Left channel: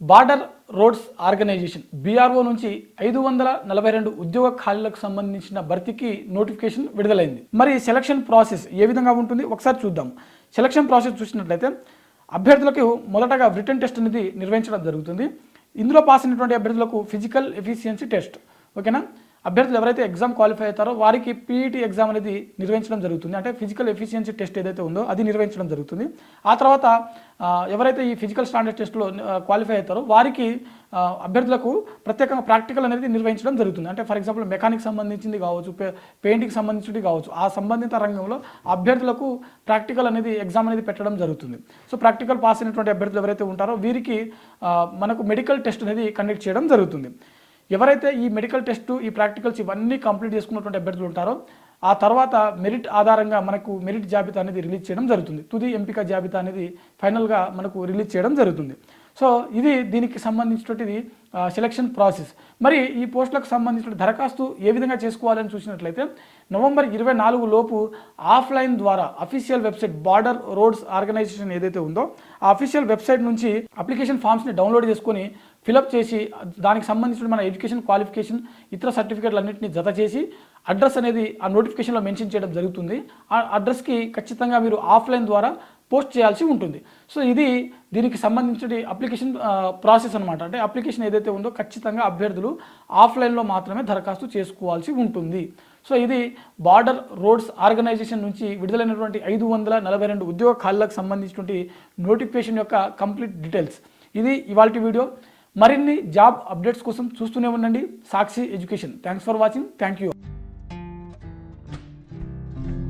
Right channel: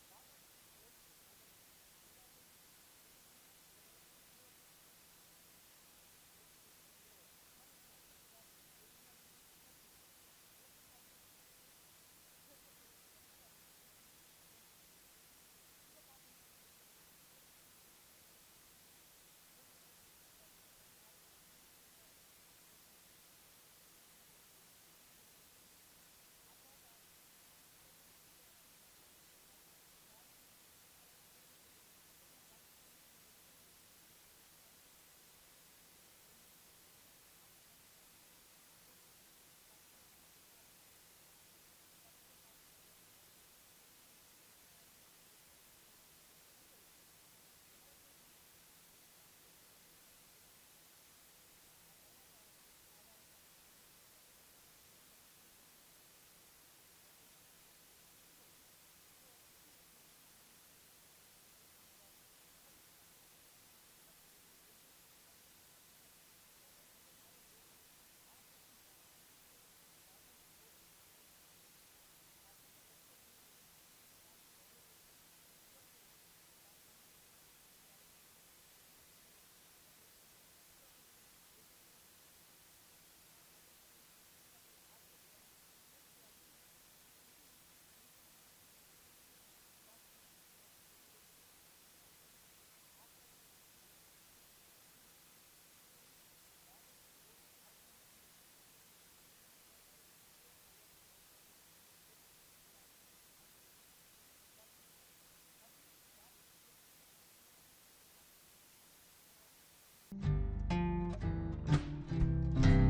Border roads organisation BRO నుంచి 542 ఉద్యోగ ఖాళీలకు సంబంధించిన భర్తీకి నోటిఫికేషన్ విడుదలైంది. మరి సెలక్షన్ ప్రాసెస్ ఏ విధంగా ఉంటుంది ఒకసారి చూద్దాం. సెలక్షన్ ప్రాసెస్ చూసినట్లయితే అభ్యర్థులకు మొదటగా రిటన్ టెస్ట్ అనేది నిర్వహించడం జరుగుతుంది. ఇందులో పాస్ అయినటువంటి అభ్యర్థులకు ఫిజికల్ ఎఫిషియన్సీ టెస్ట్, ఓకేనా. అభ్యర్థులు ఎవరైతే ఎగ్జామ్ క్వాలిఫై అవుతారో వారికి పీఈటీ ఎగ్జామ్ అనేది నిర్వహించడం జరుగుతుంది. అంటే ఫిజికల్ ఎఫిషియన్సీ టెస్ట్ ఏదైతే ఉందో అది నిర్వహించడం జరుగుతుంది. ఆ తర్వాత ఎవరైతే ఈ ఫిజికల్ స్టాండర్డ్ టెస్ట్లో క్వాలిఫై అవుతారో వారికి అభ్యర్థులకు ప్రత్యేకంగా ప్రాక్టికల్ అనేది నిర్వహించడం జరుగుతుంది. అంటే ఫర్ ఎగ్జాంపుల్ మెకానిక్ సంబంధించింది కావచ్చు, పెయింటింగ్ సంబంధించింది కావచ్చు, ఆ సంబంధిత రంగంలో అభ్యర్థులకు ప్రాక్టికల్ అనేది ఎగ్జామ్ అనేది పెట్టడం జరుగుతుంది. సో ప్రాక్టికల్ పాస్ అయినటువంటి అభ్యర్థులు ఎవరైతే ఉంటారో వీరికి మనకు మెడికల్ టెస్ట్ అనేది కండక్ట్ చేయడం జరుగుతుంది. ఎవరైతే ఈ మెడికల్ టెస్ట్, ఈ ప్రాక్టికల్స్ ఇవన్నీ కంప్లీట్ చేసుకున్నటువంటి అభ్యర్థులు ఉంటారో ఆ తర్వాత మెరిట్ ఆధారంగా మనకు మెరిట్ జాబితా అనేది రిలీజ్ చేయడం జరుగుతుంది. తుది ఎంపిక జాబితా అనేది ఫైనల్గా మనకు రిలీజ్ చేయడం జరుగుతుంది. సో ఇది దీనికి సంబంధించినటువంటిది సెలక్షన్ ప్రాసెస్. మరి ఈ పోస్టులకు సంబంధించిన దరఖాస్తు ఏ విధంగా చేసుకోవాలని చూసినట్లయితే నవంబర్ 24 లోపు ఆఫ్లైన్ ద్వారా official website border roads organisation ఏదైతే ఉందో ఆ అఫీషియల్ వెబ్సైట్ నుంచి అప్లికేషన్ ఫామ్స్ని డౌన్లోడ్ చేసుకొని ఫిలప్ చేసి దానికి సంబంధించిన మన ఎడ్యుకేషన్ క్వాలిఫికేషన్ ఇతర సర్టిఫికేట్లు అన్నింటినీ జత చేసి అడ్రస్ అనేది ఆ నోటిఫికేషన్లో మెన్షన్ చేయడం జరుగుతుంది. ఆ అడ్రస్కి ఖచ్చితంగా మీరు ఆఫ్లైన్ ద్వారా పోస్ట్ చేయాల్సి ఉంటుంది. సో ఇది దీనికి సంబంధించిన అప్లికేషన్ ప్రాసెస్ అనమాట. అంటే అప్లికేషన్ ఏదైతే ఉందో ఖచ్చితంగా అభ్యర్థులు ఆఫ్లైన్లో మాత్రమే దరఖాస్తు చేసుకోవాల్సి ఉంటుంది. సో ఇది బార్డర్ రోడ్స్ ఆర్గనైజేషన్ నుంచి విడుదలైనటువంటి 542 ఉద్యోగ ఖాళీలకు సంబంధించినటువంటి నోటిఫికేషన్ యొక్క కంప్లీట్ డీటెయిల్స్. ఇది ఇవాల్టి వీడియో. మరిన్ని జాబ్ అప్డేట్స్ కోసం చూస్తూనే ఉండండి Sakshi education. Thanks for watching. Thank you.